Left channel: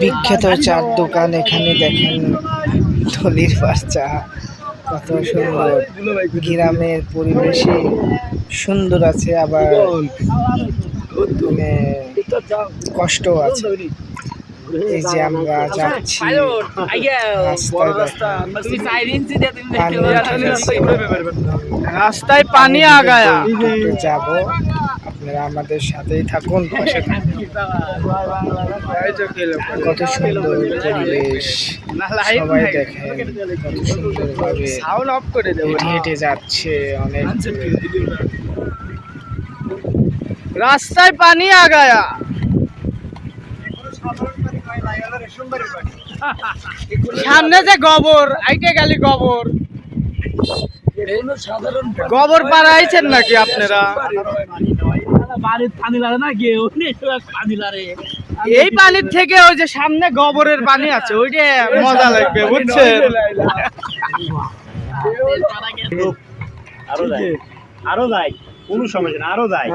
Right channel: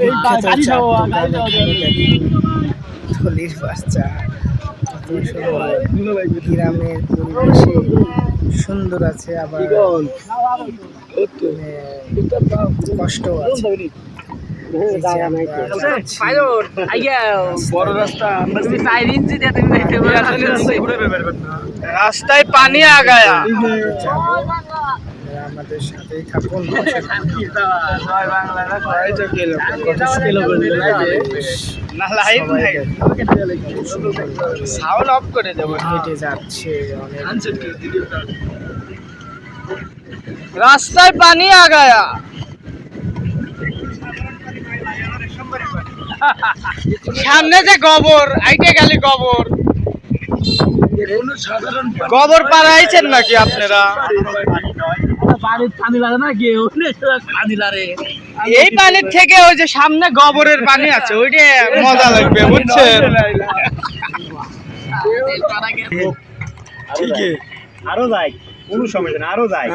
বিখ্যাত চার দোকান। এখানে দেখেন থলির পাশ চা, কত সুন্দর। গ্রামের পরিবেশে সুন্দর আছে, আবার কষ্ট আছে। এই যে আমরা যাচ্ছি রাস্তায় পানি আগায়া যাব, আপনারা আমাদের সাথেই থাকুন। কত সুন্দর পরিবেশ, সবাই দেখেন কত সুন্দরভাবে হেঁটে হেঁটে যাচ্ছে। অনেক রাস্তায় পানি আগায়া, সামনে যে গোবর আইটে গেলি গোবর গোবর পাড়াইছেন নাকি আপনারা? এই পানির থেকে ওই যে সামনে গোবরের পানি আছে, ওইটা মজা লাগবে, বুঝছেন? আরো যায়, কোনো সমস্যা না, আরো যায়।